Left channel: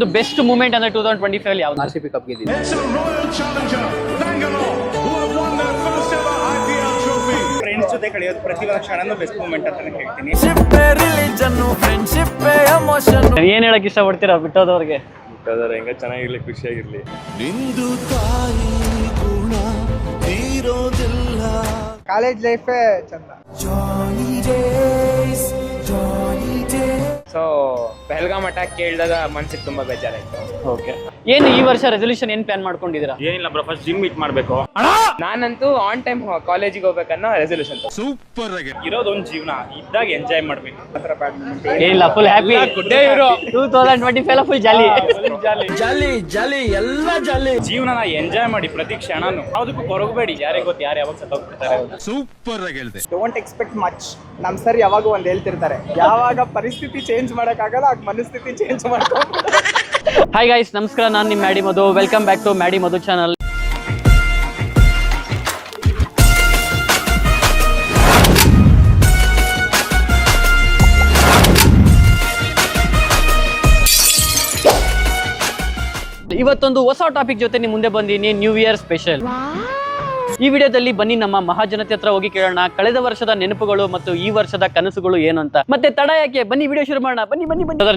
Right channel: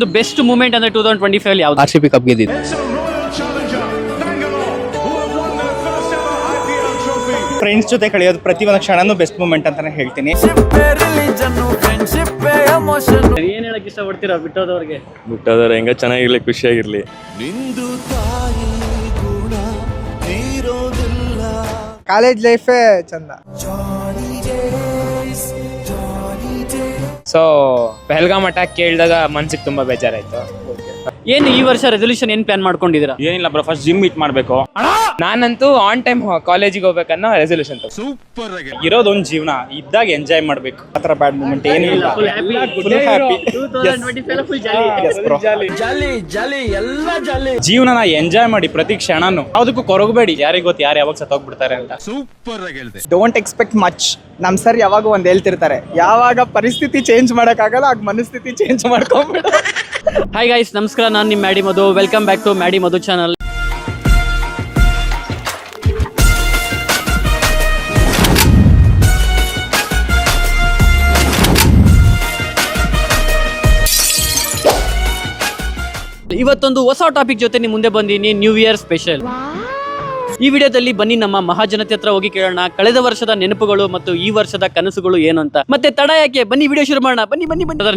The best moment under 2025 ಯಾವುದು? RCB cup ಗೆದ್ದಿದ್ದು. It's a Royal Challenger Bangalore who have won their first ever IPL trophy. Friends ಜೊತೆ ಕಳೆಯೋದು ಪ್ರತಿಯೊಂದು ಕ್ಷಣನೂ best moment ಅಂತಾನೆ ಹೇಳ್ತೀನಿ. ಏನ್ ಹೇಳಕ್ ಇಷ್ಟಪಡ್ತೀರಾ ಬಿಟ್ಟೋದವ್ರಿಗೆ? ಹೆಂಗ ಚೆನ್ನಾಗಿರ್ಲಿ, ಖುಷಿಯಾಗಿರ್ಲಿ. ನಿಂದು ತಾಯಿ ಗುಣ ತೀರೋದಿಲ್ಲ. ಕಾಲೇಜ್ ಲೈಫೇ ಚಂದ. ಸೊ ಪಹಲ್ಗಾಮ್ ಅಟ್ಯಾಕ್ ಕೇಳಿದಾಗ ಮನ್ಸಿಗೆ ತುಂಬಾ ಬೇಜಾರಾಯ್ತು. ಏನ್ ಈ ವರ್ಷ ರೆಸಲ್ಯೂಷನ್ ಏನ್ ಪ್ಲಾನ್ ಮಾಡ್ಕೊಂಡಿದ್ದೀರಾ? ಏನಿಲ್ಲ ಬ್ರೋ, ಫಸ್ಟ್ ಜಿಮ್ ಮೀಟ್ ಮಾಡ್ಬೇಕು. ನಾನಂತೂ ಆನ್ ಟೈಮ್ ಕಾಲೇಜಿಗೆ ಹೋಗ್ಬೇಕನ್ನೋ ರೆಸಲ್ಯೂಷನ್. ಸೂಪರ್ ಆಗಿ ಇರೋದೊಂದು ಜೀವನ ಇದ್ದಾಗ ಎಂಜಾಯ್ ಮಾಡ್ಬೇಕು. ಆತರ ಬ್ಯಾಡ್ ಮೂಮೆಂಟ್ ಏನಿಲ್ಲ. Full happy 2025 full jolly. ಜೀವನನ ಎಂಜಾಯ್ ಮಾಡಿ ಪ್ರತಿ ಕ್ಷಣನೂ. ಯಾವುದಕ್ಕೂ ಕೊರಗಬೇಡಿ. ಯಾರಿಗ್ ಗೊತ್ತು ಯಾರು ಯಾವಾಗ ಸತ್ತೋಗ್ಬಿಡ್ತಾರೆ ಅಂತ. ಸೂಪರ್ ಆಗಿ ಹೇಳಿದೆ. Don't expect much. ನಮ್ ಸರ್ ಯಾವಾಗ ಒಂದ್ ಹೇಳ್ತಿರ್ತಾರೆ, ಯಾವಾಗ ಪರಿಸ್ಥಿತಿ ಚೇಂಜ್ ಮಾಡಕ್ಕಾಗಲ್ಲ ಆಗ ಮನಸ್ಥಿತಿ ಚೇಂಜ್ ಮಾಡ್ಕೊಂಡ್ಬಿಡು. ಹಾಯ್ ಗೈಸ್, ನಮಸ್ಕಾರ. ನಾನು ನಿಮ್ಮ Maddy Madhu. Welcome back to Maddy Madhu channel. ಇವತ್ತೊಂದು ಹೊಸ ಟಾಪಿಕ್ ಜೊತೆ ನಿಮ್ ಮುಂದೆ ಬಂದೀನಿ. New year special. ಈ ವಿಡಿಯೋದಲ್ಲಿ ಬನ್ನಿ ನಮ್ಮ ಮಹಾಜನತೆ ಹತ್ರ ಹೋಗಿ ಕೇಳೋಣ ಕಳೆದ ವರ್ಷದ ನೆನಪುಗಳು ಮತ್ತು ಈ ವರ್ಷದ ಕನಸುಗಳು ಏನು ಅಂತ. ಮತ್ತೆ ತಡ ಯಾಕೆ, ಬನ್ನಿ ವಿಡಿಯೋ ಶುರು ಮಾಡೋಣ. ಬನ್ನಿ.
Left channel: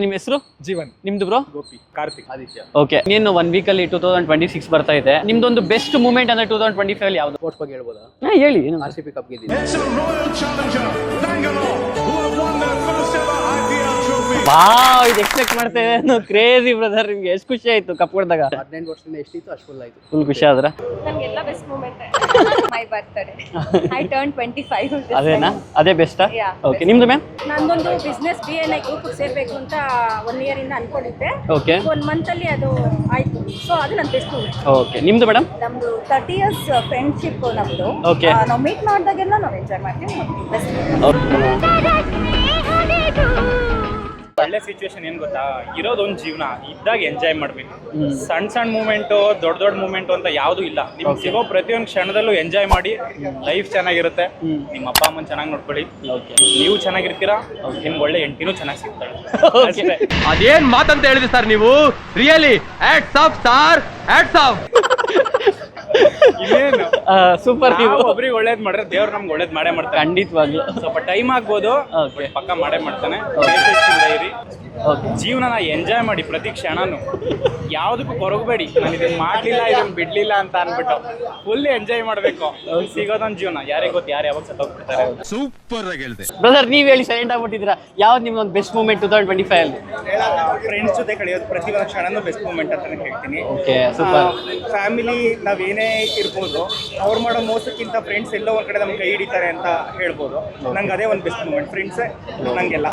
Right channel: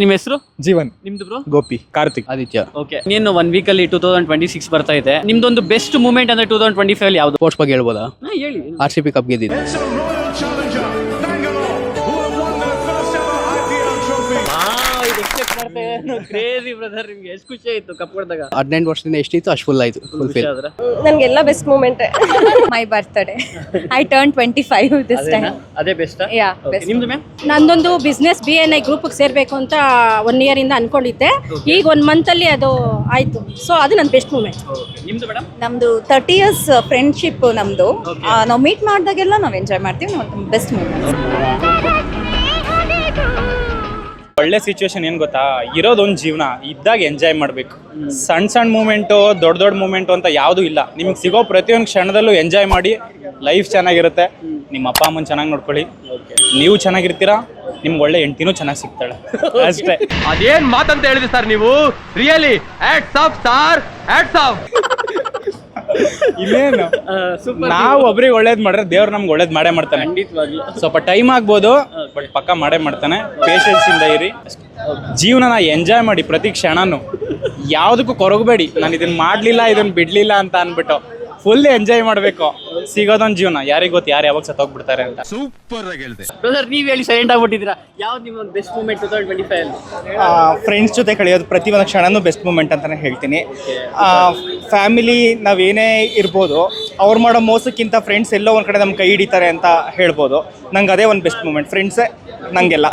ನಿಮ್ಮ ಹೆಸರು? ಜೀವನ್. ನಿಮ್ದು ಬ್ರೋ? ಗೋಪಿ. ಕಾರ್ತಿಕ್. ಆದಿತ್ಯ. ಓಕೆ, ನೀನು 1 week ಅಲ್ಲಿ 2026 ಬರ್ತಾ ಇದೆ. ನಿಮ್ದೊಂದು ಬೆಸ್ಟ್ ಮೂಮೆಂಟ್ ಅಂದ್ರೆ 2025 ಯಾವ್ದು? ಸ್ಪೋರ್ಟ್ಸ್ ಬಗ್ಗೆ ಹೇಳ್ಬೋದಾ? ಹೇಳಿ. RCB ಕಪ್ ಗೆದ್ದಿದ್ದು. It's a Royal Challenger Bangalore who have won their first ever IPL trophy. Expect ಮಾಡ್ತೇವೆ. ಕ್ರೇಜಿ ಬ್ರದರ್, ನಿಮ್ಗೆ ಎಷ್ಟು ಖುಷಿ ಆಯ್ತು ಕಪ್ ಹೊಡೆದಾಗ? 18 ವರ್ಷದಿಂದ ಎಷ್ಟಿತ್ತು ಅಷ್ಟು ಫುಲ್ ಆಯ್ತು. ಖುಷಿ ಆದ್ರ? ನನಗೆಲ್ಲ best moment my birthday. I turn 25 this time. ಅದೇ ಬೆಸ್ಟ್. ಓಕೆ, ನಿಮ್ದು ಮ್ಯಾಮ್? ನಂದೊಂದು ಬಿಸ್ನೆಸ್ BNI ಗ್ರೂಪ್ ಸೇರ್ಬೇಕು ಅಂತ 1 year ಇಂದ ಅನ್ಕೊಂಡಿದ್ದೆ. ಈಗ 1 month ಅಲ್ಲಿ ಅದು ಆಯ್ತು. ಸೊ ಅದು ನನ್ನ ಬೆಸ್ಟ್ ಮೂಮೆಂಟ್. ಓಕೆ, ನಿಮ್ದು ಮೇಡಮ್? ನಮ್ದು 30 years ಫ್ರೆಂಡ್ಶಿಪ್ ನಮ್ದು. Okay. ನಾವು ಮೀಟ್ ಮಾಡಿದಾಗೆಲ್ಲ ನಾವು ಎಂಜಾಯ್ ಮಾಡ್ತೀವಿ. Best moment. ಒಳ್ಳೆ ಸಿಚುವೇಶನ್ ಏನ್ ಗೊತ್ತಾ, ಇರೋದೊಂದು ಜೀವನ ಇದ್ದಾಗ ಎಂಜಾಯ್ ಮಾಡ್ಬೇಕು. ಸಣ್ಣ ಮೂಮೆಂಟು ದೊಡ್ಡ ಮೂಮೆಂಟು ಅಂತ ಯಾವ್ದು ಇಲ್ಲ. ನಿಮ್ಗೆ ಸಿಗೋ ಪ್ರತಿಯೊಂದು ಕ್ಷಣದಲ್ಲೂ ಎಂಜಾಯ್ ಮಾಡಿ. ಲೈಫ್ ಚೆನ್ನಾಗಿರುತ್ತೆ. ನಿಮ್ಮ ಅಪ್ಪ ಅಮ್ಮನ್ ಚೆನ್ನಾಗಿ ನೋಡ್ಕೊಳ್ಳಿ. ನೀವು ಚೆನ್ನಾಗಿರ್ತೀರಾ, ನಿಮ್ಗೆ ಒಳ್ಳೆ ಹೆಂಡತಿನೂ ಚೆನ್ನಾಗಿ ಸಿಗ್ತಾಳೆ. ಅಷ್ಟೇ. ಅದೇನ್ ಮಾತಂತ ಹೇಳಿದ್ರಿ ಸರ್ ನೀವು? Really hats off sir, hats off. ಇನ್ನೇನು, ಸೂಪರ್. ನಾವು ಒಬ್ರಿಗೆ ಒಳ್ಳೇದ್ ಮಾಡಿದ್ರೆ ದೇವ್ರು ನಮ್ಗೆ ಒಳ್ಳೇದ್ ಮಾಡೇ ಮಾಡ್ತಾನೆ. ಖಂಡಿತವಾಗಿ. ಸ್ವಲ್ಪ ಟೈಮ್ ಆಗ್ಬೋದು, ಬಟ್ ಪಕ್ಕ ಮಾಡೇ ಮಾಡ್ತಾನೆ. ಪೇಷನ್ಸ್ ಇಂದ ಇರಿ. ಜೀವನನ ಎಂಜಾಯ್ ಮಾಡಿ ಪ್ರತಿ ಕ್ಷಣನೂ. ಯಾವ್ದಕ್ಕೂ ಕೊರಗಬೇಡಿ. ನಾನು ಇದನ್ನ ಮಾಡ್ಲಿಲ್ಲ, ಇದನ್ನ ಬಿಡ್ಲಿಲ್ಲ ಅಂತ ಅನ್ಬಿಟ್ಟು ಫುಲ್ ಎಂಜಾಯ್ ಮಾಡ್ಬೇಕು. ಸಿಗೋದೊಂದು ಜೀವನ. ಯಾರಿಗ್ ಗೊತ್ತು ಯಾರು ಯಾವಾಗ ಸತ್ತೋಗ್ಬಿಡ್ತಾರೆ ಅಂತ. ಸೂಪರ್ ಆಗಿ ಹೇಳಿದೆ. ಬ್ರದರ್, ನೀವ್ ಹೇಳಿ, ಸೈಲೆಂಟ್ ಆಗ್ಬಿಟ್ಟಿದ್ದೀರಾ. ಯಾವ್ದು ನಿಮ್ದೊಂದು ಬೆಸ್ಟ್ ಮೂಮೆಂಟ್ 2025? ಫ್ರೆಂಡ್ಸ್ ಜೊತೆ ಕಳೆಯೋದು ಪ್ರತಿಯೊಂದು ಕ್ಷಣನೂ ಬೆಸ್ಟ್ ಮೂಮೆಂಟ್ ಅಂತಾನೆ ಹೇಳ್ತೀನಿ. ಫ್ಯಾಮಿಲಿ ನಾವೇನೇ ಇರ್ಬೋದು, ಅವ್ರು ಮಾಡೋ ಮೋಸಕ್ಕಿಂತ ಫ್ರೆಂಡ್ಸ್ ಎಲ್ಲೋ ಒಂದ್ ಕಡೆ ನಮ್ ಕೈ ಹಿಡಿತಾರೆ ಅಂತ ಹೇಳ್ಬೋದು. ನಂಗೆ ಅದೇ ಒಂದು ಬೆಸ್ಟ್ ಮೂಮೆಂಟ್. ಫ್ರೆಂಡ್ಸೇ ನಂಗೆಲ್ಲ.